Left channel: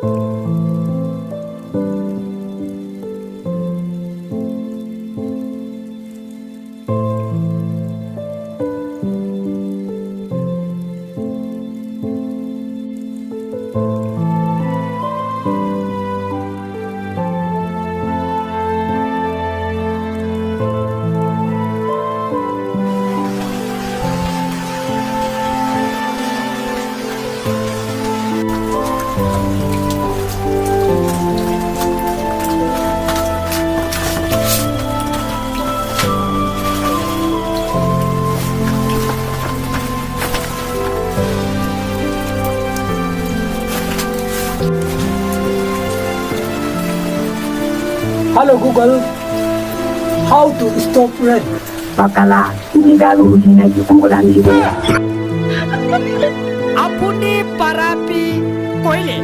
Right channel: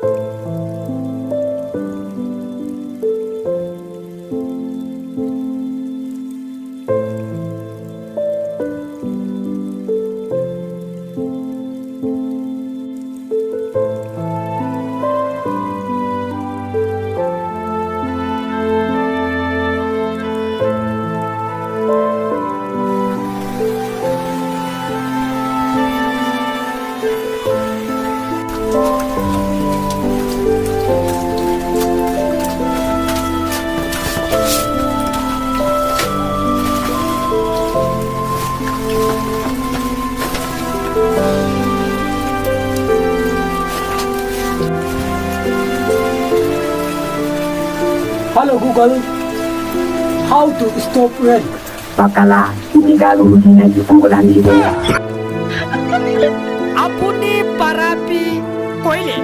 Hello Google, how to stop rain? Bakala, hindi gagawin na yung wala dito. আপনি পারাপি কইলে